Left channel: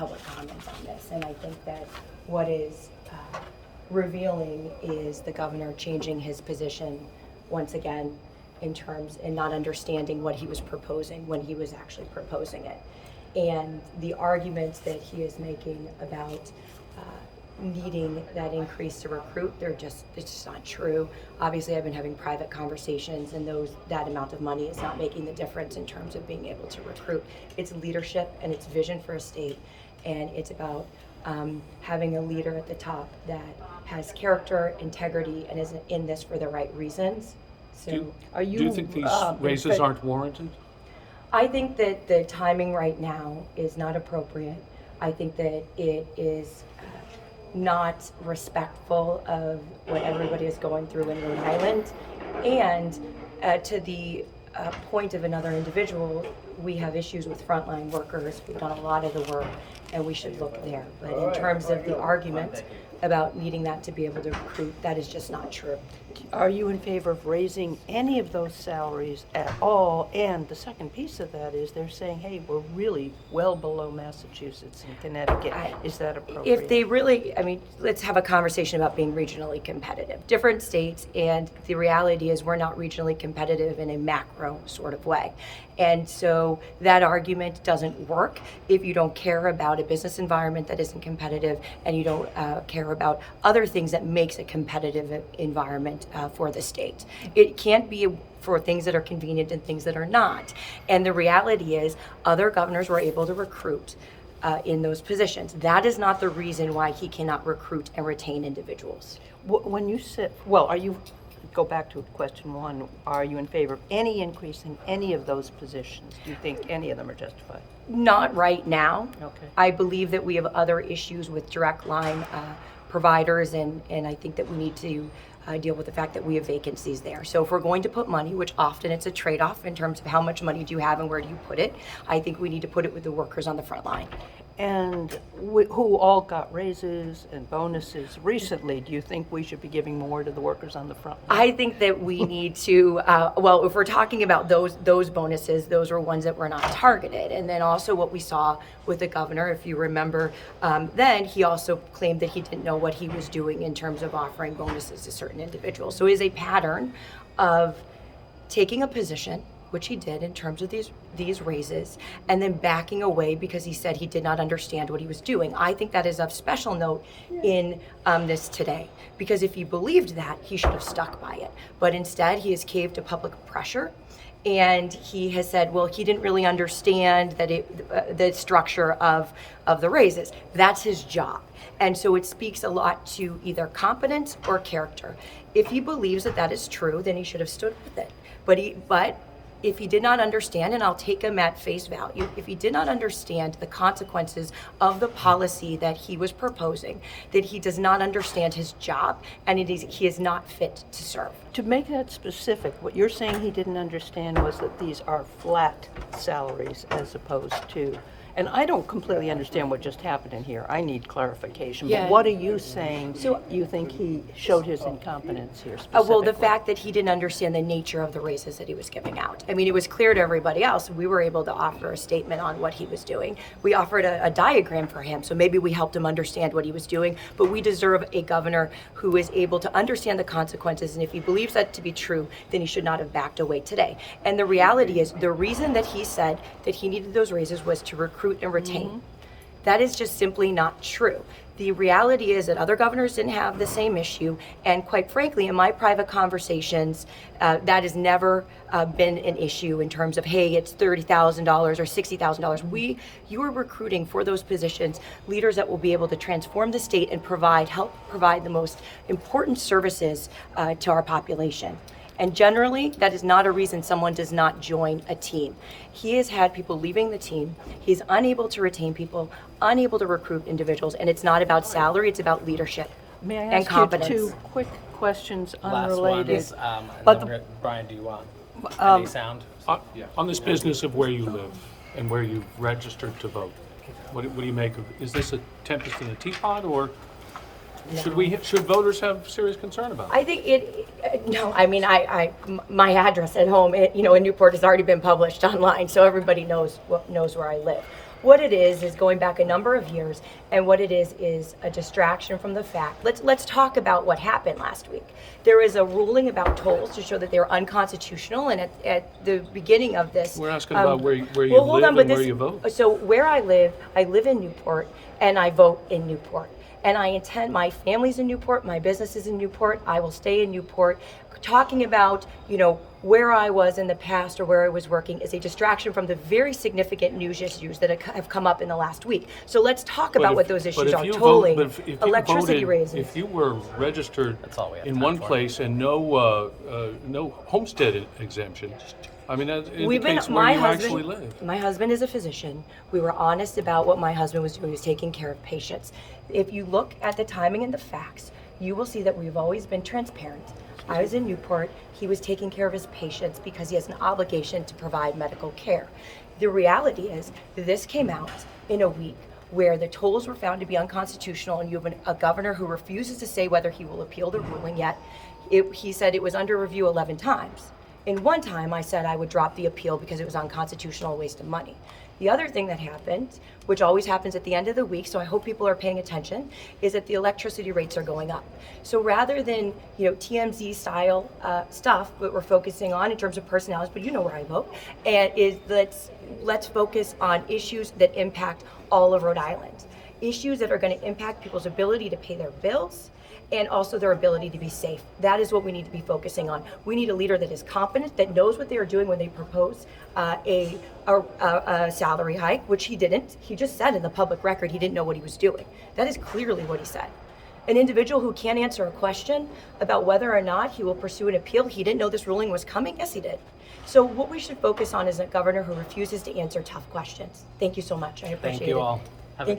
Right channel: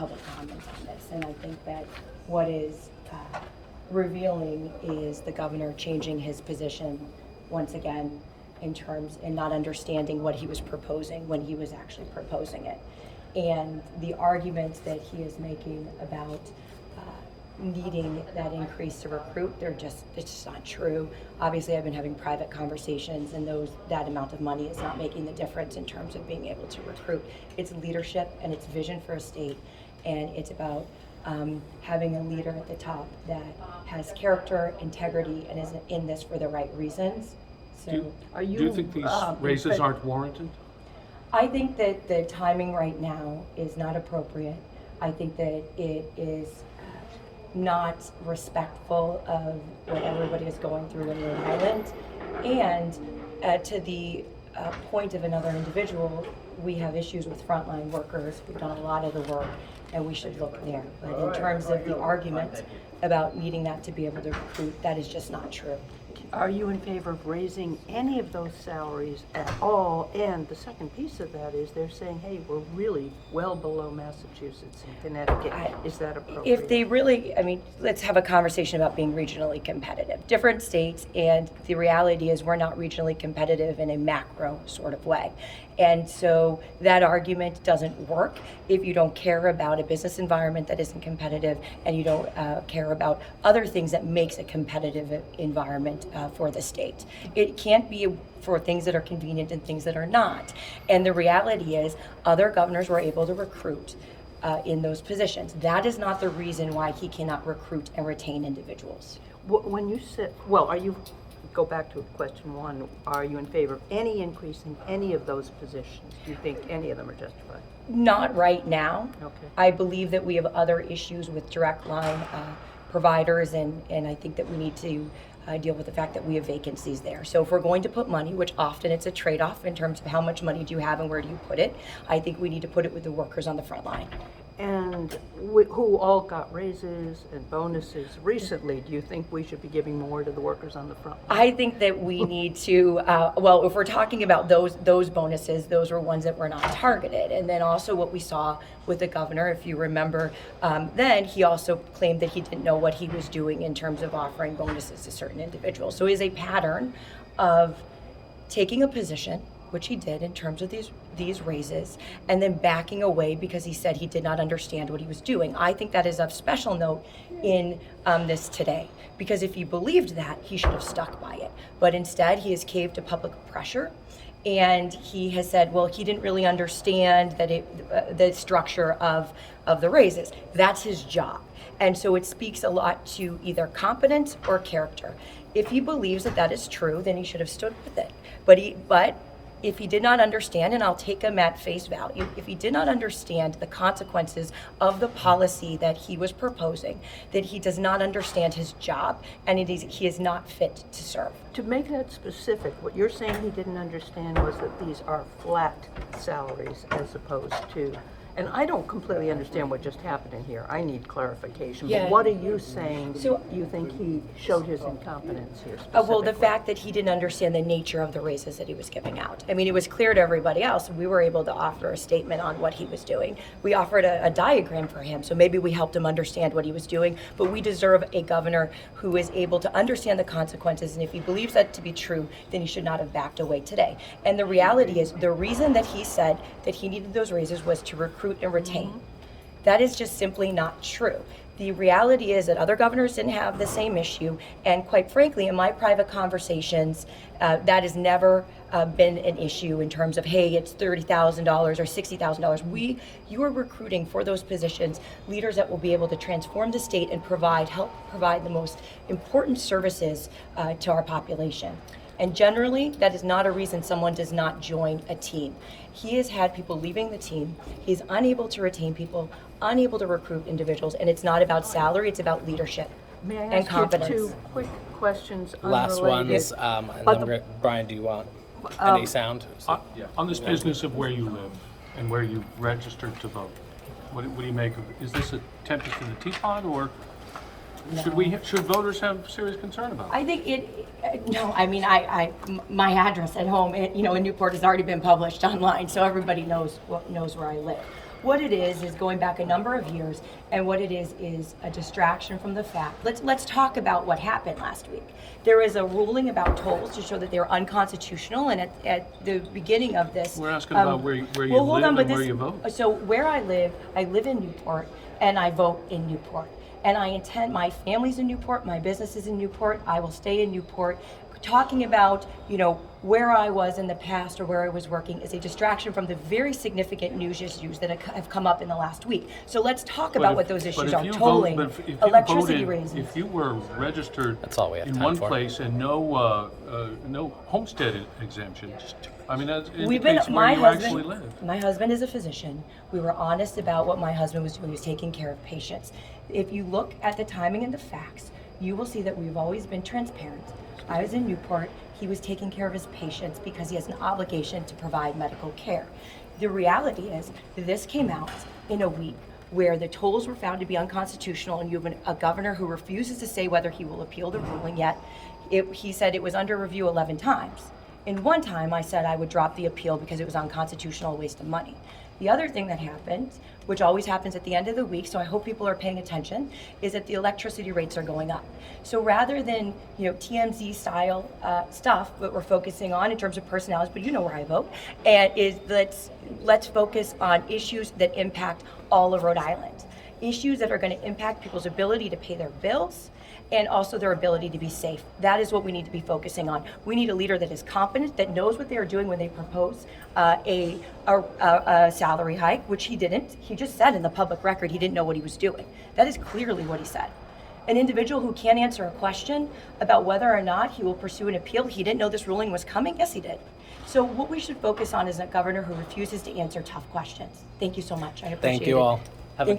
public comments on this. And I think that what is revealing is the governor changing his position once again in terms and not understanding what he was proposing when he was actually proposing it. And the arguments that he is making about needing that increase to recruit, it's just not true. Obviously, I've been having private conversations, and that amount of money is not making the difference in terms of being able to recruit. It's leadership and it's vision for a state, and it's about having a leader at the top that has character, integrity, and is in this for the right reasons. So, do you think these raises aren't warranted? I think that the timing right now is not appropriate. I think that it is not respectful of what everybody is going through in Rhode Island. And to the point of another individual, we have issues with frontline workers who've done a lot of the work, and we should look there. But in terms of the argument about needing that to be able to recruit, that is just not true. Are you in favor of raising any of those salaries at all? And the second piece of that is they're saying, hey, we're really well below Massachusetts and Connecticut. Is that appropriate? If they really, let's have a conversation about being regionally competitive. Different states, and the reality is we're not regionally competitive in a macro sort of way. And so that argument doesn't work if you don't care about a business environment that isn't competitive, and you don't care about other things that makes a competitive environment for the state. It can't be for things that are convenient and things that are not. And the reality is other governors were able to recruit in those positions. That is not the reason why he cannot recruit and retain individuals. When you said, go back to question one, are you in favor of any increase in any of those positions? Do you think any of them are justified? Not right now. Okay. I believe that we have other issues with direct line providers, and I think that we need to deal with the fact that we have vacancies there. So if we're going to put money, which often it's a trade-off in terms of how much money do you have and where do you put it, I think we need to put it with the workers on the front line. And who all got raises and bonuses recently, do you think we should be giving more to the workers on the front line? I think that we need to, if we're talking about those bonuses, those were ones that were not targeted. And then also what we saw with the governor, if you remember, then he also claimed that he didn't know what he was doing in terms of offering bonuses to certain individuals. So it is a pattern of taking a position, which he did in terms of these raises, and then backing away because he said he did not understand what he was doing. I think that is of special note in this today, because if he believed that, he should have stuck by it. But instead, he has caved to public pressure, and he has said, well, he didn't really understand that the structure of the raises. That's his job. And so it speaks a lot to either competence or character. If he believes that that is true, then he should have stood with it. But if he did not understand, and I'll take him at face value, if he did not understand the consequences of the policy that he was proposing, then he does not understand his job, and he is not fit to serve. To make that specific, what you're saying he didn't understand was that these are flat salaries as opposed to, and I don't completely understand what just happened in here. I need clarification. Yeah. But what are you saying you think he showed his incompetence here specifically? Well, the fact that he didn't understand the nature of the raises that he was giving out. It was clear to everybody else. We were able to offer a statement on what he was doing. We offered a diagram for him, so maybe we helped him understand what he was doing. But we deserve a governor who is able to understand the consequences, and if he believes that to be true, then he should not have backed away today. And the reality is, the reason that he said that he needed those raises was to recruit and retain. That is just simply not true. The reality is that other governors didn't have the same issue, and quite frankly, in my private conversations, that has never been an issue in terms of, hey, it's $30,000 or $60,000. You are recruiting for those positions leaders that will be able to transform the state and help provide the most important services to our population. And generally, that is not a reason someone does not join a team. He has had people leaving the team. He's unable to retain people, unable to recruit individuals, and it's not about salary, it's about leadership and competence. May I ask you two quick questions Last unrelated? ones, and then Brian, do you want any sound? Yeah. On this business of where you live and where you registered to vote, what do you make of it? Is this a tempest in a teapot, or No. should voters have serious concern about it? I think my address at home, in Newport has already been published online, so everybody knows where I live. What it is going back a number of years, and what it is a distraction from the fact. Let's talk about what happened last week. There is a ruling about tolls to show that they're unconstitutional, and at the beginning of this, We're asking about where you well, hold live on, but and where you vote. So where I live in Newport, and I vote in Newport. And I intend, my family's in Newport, my business is in Newport, I will stay in Newport. Talking about, where I was in the past or where I was working is a distraction from the very significant news issues that have come up in the last week. So let's talk about what those issues are. Tolling, electricity raises. If you were registered That's all we have in time one for. place and no homestead exemption, I mean, that We've been, indicates where you actually my live. husband is a physician. We were honest about what my husband was doing. He was taking care of patients. If you look at the timing and the facts, you will see that we've always been transparent. I was in Newport. He was taking care of his patients because he has an obligation to provide medical care. The reality is this came out in a week where the tolls were found to be unconstitutional, and you have a governor who refuses to say whether he will appeal the ruling yet. He said it was under review 11 times. In one time, I said I would drop the appeal because it was unconstitutional, a waste of money. The other thing that happened, which always happens at the end of the week, so I hope people are paying attention, is that the electricity rates are going up. So rather than TMZ style stuff that we're focusing on in terms of personalities, but you know where I vote, and is let's focus on issues that impact all of Rhode Island, issues that are going to impact people's ability to pay their bills, and also their ability to be safe. That is what we need to be focusing on. We need a leader that is competent, that knows what they are doing when they propose a salary hike, which he didn't. He just said in the public record he didn't know what he was doing. That is clearly what he said. An individual who can't answer a question about whether or not he will pursue an appeal, he didn't know this ruling was coming? Yes, he did. So what we should focus on is a governor who refuses to answer tough questions. Thank you so much. I appreciate it. Thank you all. Have a